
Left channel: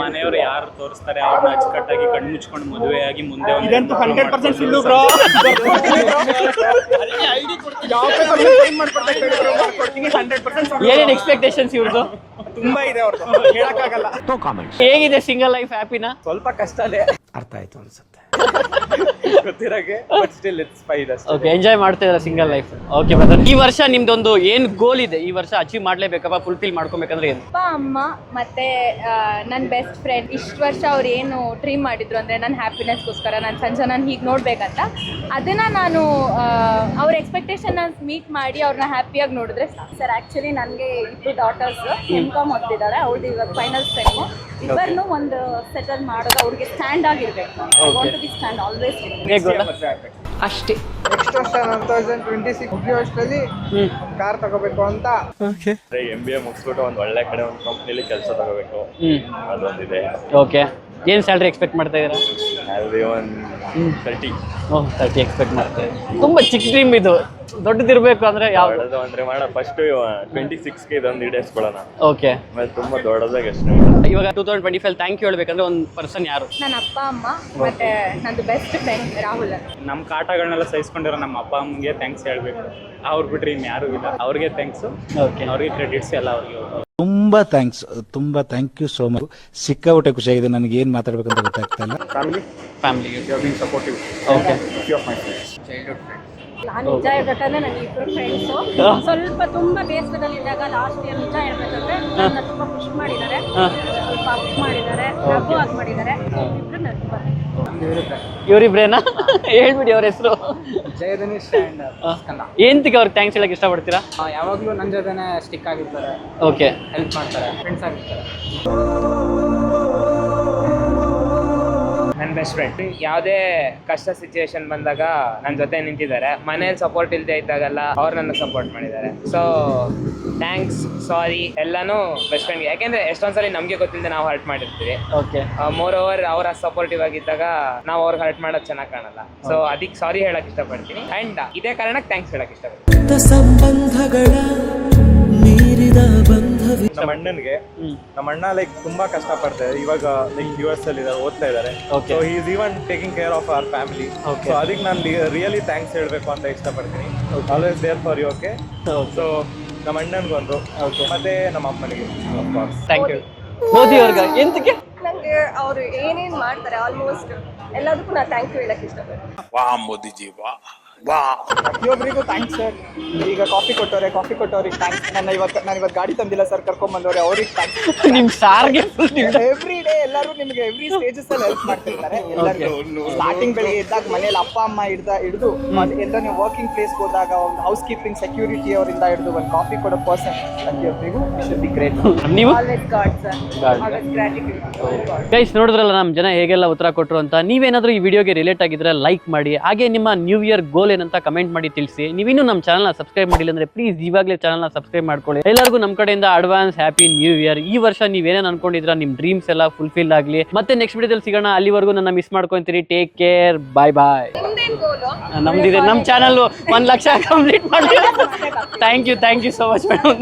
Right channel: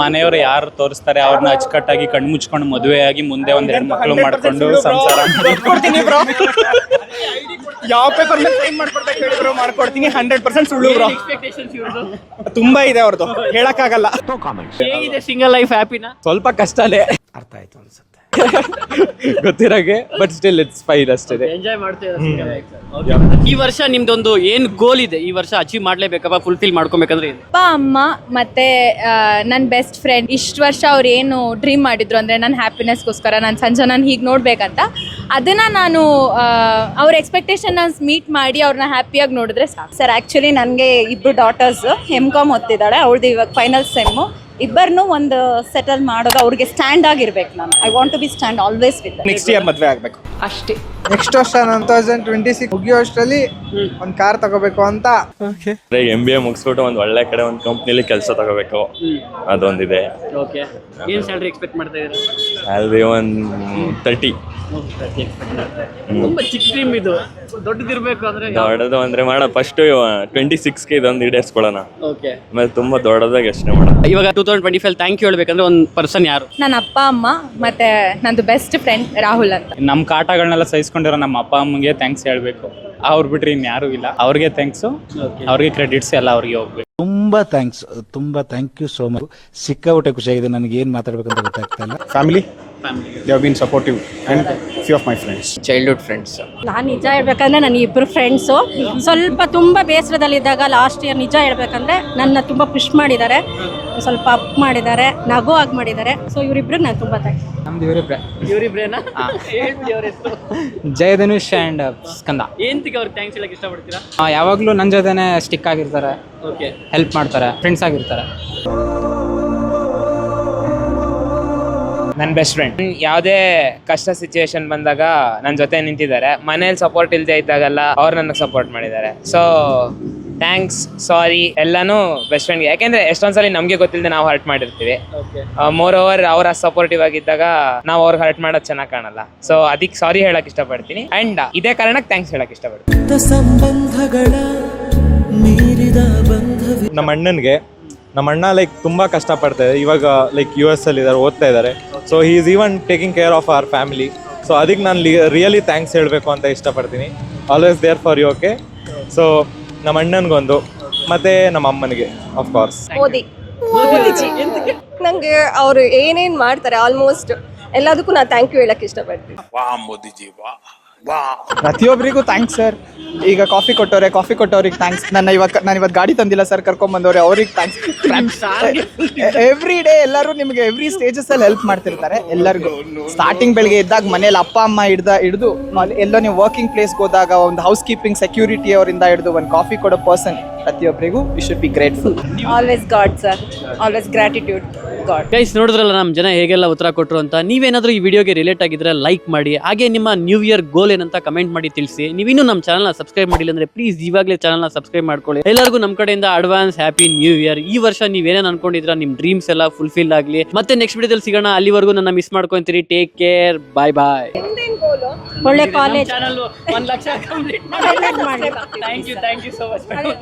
ಮನೆಯವರು ಯಾರು ತೋರಿಸ್ತಾರೆ ಅವ್ರನ್ನ ಅಚ್ಚುಕಟ್ಟಾಗಿ ಕಣ್ಣು ಮುಚ್ಕೊಂಡು ಮದುವೆ ಆಗಿ ಮುಂದೆ ಒಂದ್ 2 ಮಕ್ಕಳು ಮಾಡ್ಕೊಂಡು ಸಂಸಾರ. ಯಾವ ಪೇಪರ್ ಮೇಲೆ ಸೈನ್ ಮಾಡ್ಕೊಡ್ಬೇಕು ಹೇಳಿದ್ರು ಮಾಡ್ಕೊಡ್ತೀನಿ. 100% ಸುಳ್ಳು. ಏನ್ ಎಕ್ಸ್ಪೆಕ್ಟೇಷನ್ಸ್ ಇವ್ರದ್ದು? ತುಂಬಾ ಇದೆ ಅವ್ರದ್ದು, ಹೇಳಕ್ಕಾಗಲ್ಲ. ಹೇಗಿದೆ ಸಿಂಗಲ್ ಲೈಫ್? ಹ್ಯಾಪಿನಾ? ಸ್ವಲ್ಪ ಕಷ್ಟನೇ, ಅರ್ಥ ಆಯ್ತು ಅನ್ಸುತ್ತೆ. ಗೊತ್ತಿರಾಗೆ, ಬಟ್ ಸ್ಟಿಲ್ ಇಟ್ಸ್ ಫೈನ್ ಅಷ್ಟೇ. ಎಂಜಾಯ್ ಮಾಡ್ತಾ ಇದ್ದಾರೆ ಸಿಂಗಲ್ ಲೈಫ್. ಓಕೆ ಬ್ರದರ್, ಈ ವರ್ಷ ನಿಮ್ದೊಂದು ಏನ್ ಗೋಲ್ ಇದೆ? ಈ ವರ್ಷ ಅಚೀವ್ ಮಾಡ್ಲೇಬೇಕಪ್ಪ, ಫುಲ್ಫಿಲ್ ಮಾಡ್ಕೊಬೇಕಂದ್ರೆ? ಅಪ್ಪ ಅಮ್ಮ ಮತ್ತೆ ನನ್ನ ಬೆಸ್ಟ್ ಫ್ರೆಂಡ್ ಇಷ್ಟು ವರ್ಷ ಅವ್ರು ಏನು ಡ್ರೀಮ್ ಮಾಡಿದ್ರು ಅಂದರೆ ನನ್ನ ಹ್ಯಾಪಿನೆಸ್ಗೋಸ್ಕರ ನಾನು ಸಂಜನಾ ಹೀಗೆ ನೋಡಬೇಕಂತ, ಅದನ್ನು ನಾನು ಅವ್ರ ಎಕ್ಸ್ಪೆಕ್ಟೇಷನ್ನ ಮೀಟ್ ಮಾಡಿ ಅವ್ರನ್ನ ಹ್ಯಾಪಿಯಾಗಿ ನೋಡಿದ್ರೆ ಸಾಕು. ಸರ್ ಆ್ಯಕ್ಚುಲಿ ನನಗೆ 2 ಡಾಟರ್ಸ್ MCOM ಓದ್ತಿದ್ದಾಳೆ. ಅವಳದು ಇವಾಗ ಫೈನಲ್ ಸೆಮ್ಮು. ಇಬ್ಬರನ್ನು ಒಂದು ಸೆಟಲ್ ಮಾಡೋದು, ಅವ್ರಿಗೆ ಸ್ಟ್ಯಾಂಡ್ ಆಗಿರ್ಬೇಕು. ನಾನು I want to be stand always with. Next year ಮದುವೆ ಆಗ್ಬೇಕು ಅಷ್ಟೇ. ನೆಕ್ಸ್ಟ್ ವರ್ಷ 2026 ಮುಗಿಯೋಷ್ಟರಲ್ಲಿ ಒಂದು ಕಾರ್ ತಗೋಬೇಕು ಅಂತ. MBA ಮುಗಿಸ್ಬಿಟ್ಟು ಒಂದು ಒಳ್ಳೆ ಕಡೆ ಒಂದು ಕಂಪ್ನಿಲಿ ಕೆಲಸ ತಗೋಬೇಕು, ಅದೊಂದಿದೆ. ಓಕೆ, ಏನ್ ಸ್ಯಾಲರಿ ಎಕ್ಸ್ಪೆಕ್ಟ್ ಮಾಡ್ತಾ ಇದ್ದೀರಾ? ಸ್ಯಾಲ್ರಿ ಒಂದು 30. 30 ಎಕ್ಸ್ಪೆಕ್ಟ್ ಮಾಡ್ತಾ ಇದ್ದೀನಿ. ತುಂಬಾ ಚಿಕ್ಕ ಡ್ರೀಮ್ ಇದು. ದೊಡ್ಡದಿರ್ಬೇಕು ಅಂದ್ರೆ ದೊಡ್ಡದು ಅಂದ್ರೆ ಮಾಡೋಣ ಫಸ್ಟ್ 26ಗೆ ಇದೊಂದು ಈಡೇರಿಸ್ಕೊಳ್ಳೋಣ, ಓಕೆ. ಆಮೇಲೆ ತುಂಬಾ ದೊಡ್ಡದಾಗಿ ಯೋಚನೆ ಮಾಡೋಣ. ಇವಾಗ 2025 ಥ್ಯಾಂಕ್ ಯು ಹೇಳ್ಬೇಕಂದ್ರೆ ಒಂದು ಪರ್ಸನ್ ಯಾರು? ನನ್ನ ಅಪ್ಪ ಅಮ್ಮ ಮತ್ತೆ ನಂದು ಬೆಸ್ಟ್ ಫ್ರೆಂಡ್ ರಾಹುಲ್ ಅಂತ. ನಮ್ಮ ಕಾಟಗಳನ್ನೆಲ್ಲ ಸಹಿಸ್ಕೊಂಡಿರೋ ನಮ್ಮ ಅಪ್ಪ ಅಮ್ಮಗೆ ಥ್ಯಾಂಕ್ಸ್ ಹೇಳ್ಬೇಕು. ಅವ್ರು ಬಿಟ್ರೆ ಇನ್ಯಾರೂ ಇಲ್ಲ. ಅವ್ರಿಗೆ ಥ್ಯಾಂಕ್ಸು, ಅವ್ರಿಗೆ ಕ್ರೆಡಿಟ್ಸ್ ಎಲ್ಲ ಅವ್ರಿಗೆ ಹೋಗ್ಬೇಕು. ತುಂಬಾ ಥ್ಯಾಂಕ್ಸ್, ತುಂಬಾ ಥ್ಯಾಂಕ್ ಯು ಸೋ ಮಚ್. ಸಿಕ್ಕಾಪಟ್ಟೆ ಖುಷಿಯಾಗಿದೆ. ನನಗೆ ಏನ್ ಮಾತಾಡ್ಬೇಕಂತ ಗೊತ್ತಾಗ್ತಾ ಇಲ್ಲ. Family they have been supportive and few of my friends. Childhood friends. ನಾನು ನಿಜ ಹೇಳ್ಬೇಕಂದ್ರೆ ನನ್ನ ಇಬ್ಬರು ಫ್ರೆಂಡ್ಸು ಸ್ವಲ್ಪ ತುಂಬ ಬೇಸರದಲ್ಲಿದ್ದಾಗ ಲಾಸ್ಟ್ ಇಯರ್ ನಿಜ ಹೇಳ್ಬೇಕಂದ್ರೆ ನನ್ನ ತುಂಬ ಪುಷ್ ಮಾಡಿದ್ದಾರೆ, ಸ್ವಲ್ಪ ಅಪ್ ಮಾಡಿದ್ದಾರೆ, ನಗು ಆಗಿ ಮಾಡಿದ್ದಾರೆ. ಸೊ ಇವರಿಬ್ರಿಗೆ ನಾನು ತುಂಬ ಥ್ಯಾಂಕ್ಸ್. ಇವರಿಬ್ರೇನಾ? ಹೇಳ್ಬಿಡಿ ಅವ್ರ ಹೆಸರು. ಜಯಧನುಷ್ ಅಂಡ್ ಸ್ಕಂದ. ಏಂತಿಗೆ ಅವ್ರಿಗೆ ಥ್ಯಾಂಕ್ಸ್ ಹೇಳಕ್ ಇಷ್ಟಪಡ್ತೀರಾ? ಯಾವಾಗಲೂ ನನ್ನ ಜೊತೆನೆ ಸ್ಟಿಕ್ ಆಗಿರ್ತಾರೆ, ಓಕೆ, ಹೆಲ್ಪ್ ಮಾಡ್ತಾರೆ, ಫ್ರೆಂಡ್ಸ್ ಆಗಿರ್ತಾರೆ. ನನ್ನ ಬೆಸ್ಟ್ ಫ್ರೆಂಡ್ ಯಾವುದೇ ಕಷ್ಟ ಸಿಚುವೇಶನ್ ಬಂದಾಗ ನನ್ನ ಜೊತೆ ನಿಂತಿದ್ದಾರೆ. ಮನೇಲಿ ಸಪೋರ್ಟ್ ಇಲ್ಲದೆ ಇದ್ದಾಗೆಲ್ಲ ಅವ್ರು ನನಗೆ ಸಪೋರ್ಟ್ ಮಾಡಿದ್ದಾರೆ. ಸೊ ಥ್ಯಾಂಕ್ಸ್, ಸಾರಿ ಎಲ್ಲಾನು ಬೆಸ್ಟ್ ಫ್ರೆಂಡ್ಗೆ. ಯಾಕೆಂದ್ರೆ ಎಷ್ಟೊಂದ್ಸಲಿ ನಮಗೆ ಗೊತ್ತಿಲ್ಲದೆ ನಾವು ಹರ್ಟ್ ಮಾಡಿರ್ತೀವಿ. ಮೋರ್ ಓವರ್ ಅವ್ರ ಸಪೋರ್ಟಿವ್ ಆಗಿದ್ದಾಗ ನಾವು ಅವ್ರಿಗೆ ಹರ್ಟ್ ಮಾಡೋದು ಚೆನ್ನಾಗಿ ಕಾಣಲ್ಲ. ಸೊ ಅದಕ್ಕೆ ಸಾರಿ ಹೇಳಕ್ ಇಷ್ಟಪಡ್ತೀನಿ ಅಂಡ್ ಇದೇ ಕಾರಣಕ್ಕೆ ಥ್ಯಾಂಕ್ಸ್ ಹೇಳಕ್ ಇಷ್ಟಪಡ್ತೀನಿ. ಸಂಬಂಧಗಳ ಮೀರಿದ ಬಂಧವಿ. ನಮ್ಮ ಅಣ್ಣನ್ಗೆ, ನಮ್ಮ ಅಣ್ಣ ಲೈಕ್ ತುಂಬಾ ಕಷ್ಟ ಪಡ್ತಾ ಇದೆ. ಇವಾಗ ಲೈಕ್ US ಅಲ್ಲಿ ಇದಾರೆ, ಓದ್ತಾ ಇದ್ದಾರೆ. So he is even taking care of our family. So ಅದಕ್ಕೆ ನಾನು ರಿಯಲಿ ಥ್ಯಾಂಕ್ಸ್ ಹೇಳ್ಬೇಕು ಅಂತ ಇಷ್ಟಪಡ್ತೀನಿ. Always there for you. Okay, so ನಮ್ಮ ಅಣ್ಣನ್ಗೊಂದು ಮತ್ತೆ ನಮ್ಮ ಅಮ್ಮನಿಗೆ ಆಫ್ ಕೋರ್ಸ್. ನಂಗೆ ಅವರು ಏನೇನು ಮಾಡ್ತಾರೆ ಆಲ್ಮೋಸ್ಟ್ ಎಲ್ಲದಕ್ಕೂ ನಾನು ಥ್ಯಾಂಕ್ ಯು ಹೇಳಕ್ ಇಷ್ಟಪಡ್ತೀನಿ. ಪ್ರತಿಯೊಬ್ಬರಿಗೂ ಥ್ಯಾಂಕ್ಸ್ ಸರ್. ಈಗ ಕಾಫಿ ಕೊಟ್ಟವ್ರಿಗೆ ಥ್ಯಾಂಕ್ಸ್. ನಾನು ಇವತ್ತು ಗಾಡಿ ತಂದಿಲ್ಲ ಸರ್, ಕರ್ಕೊಂಡ್ ಬಂದವ್ರೆ, ಅವ್ರಿಗೆ ಥ್ಯಾಂಕ್ಸ್. ಎವ್ರಿ ಡೇ ಎಲ್ಲರೂ ನಿಮಗೆ ಎವ್ರಿ ಸ್ಟೇಜಸ್ ಅಲ್ಲಿ ಹೆಲ್ಪ್ ಮಾಡ್ತಿರ್ತಾರೆ ಎಲ್ಲರಿಗೂ. ಸ್ಟಾರ್ಟಿಂಗ್ ಬೆಳಿಗ್ಗೆ ಎದ್ದಾಗ ಮನೇಲಿ ಅಪ್ಪ ಅಮ್ಮ ಹಿಡಿದು ಎಲ್ಲೋ ನೀವು ವರ್ಕಿಂಗ್ ಪ್ಲೇಸ್ಗೆ ಹೋದಾಗ ಒಂದು ಹೌಸ್ ಕೀಪಿಂಗ್ ಸೆಕ್ಯೂರಿಟಿ ಅವರಿಂದ ಹಿಡಿದು ಒಂದು ಕಾಫಿ ಕೊಡೋ ಪರ್ಸನ್ ಪ್ರತಿಯೊಬ್ಬರಿಗೂ ವಿ ಶುಡ್ ಬಿ ಗ್ರೇಟ್ಫುಲ್. ನೀವು? Always god sir, always gratitude god. Guys, ನೋಡಿದ್ರಲ್ಲ ನಮ್ಮ ಜನ ಹೇಗೆಲ್ಲ ಉತ್ತರ ಕೊಟ್ಟರು ಅಂತ. ನೀವೇನಾದ್ರೂ ಈ ವಿಡಿಯೋಗೆ ರಿಲೇಟ್ ಆಗಿದ್ರೆ ಲೈಕ್ ಮಾಡಿ, ಹಾಗೆ ನಿಮ್ಮ ನ್ಯೂ ಇಯರ್ ಗೋಲ್ ಏನಂತ ಕಮೆಂಟ್ ಮಾಡಿ ತಿಳಿಸಿ. ನೀವಿನ್ನೂ ನಮ್ಮ ಚಾನಲ್ನ ಸಬ್ಸ್ಕ್ರೈಬ್ ಮಾಡಿಲ್ಲ ಅಂದ್ರೆ ಪ್ಲೀಸ್ ಇವಾಗಲೇ ಚಾನಲ್ನ ಸಬ್ಸ್ಕ್ರೈಬ್ ಮಾಡ್ಕೊಳ್ಳಿ. ಎಲ್ಲರಿಗೂ ನಮ್ಮ ಕಡೆಯಿಂದ ಅಡ್ವಾನ್ಸ್ ಹ್ಯಾಪಿ ನ್ಯೂ ಇಯರ್. ಈ ವರ್ಷ ನೀವೇನೇನು ಅನ್ಕೊಂಡಿದ್ರ ನಿಮ್ಮ ಡ್ರೀಮ್ಸ್ ಎಲ್ಲ ಫುಲ್ಫಿಲ್ ಆಗಲಿ. ಮತ್ತೆ ನೆಕ್ಸ್ಟ್ ವಿಡಿಯೋದಲ್ಲಿ ಸಿಗೋಣ. ಅಲ್ಲಿವರೆಗೂ ನನ್ನ ಮಿಸ್ ಮಾಡ್ಕೊಂತೀರಿ. Take care, bye bye. ನಮ್ಮ ಚಾನಲ್ 1 ಲಕ್ಷ ಕಂಪ್ಲೀಟ್ ಮಾಡಿ. Thank you so much madam.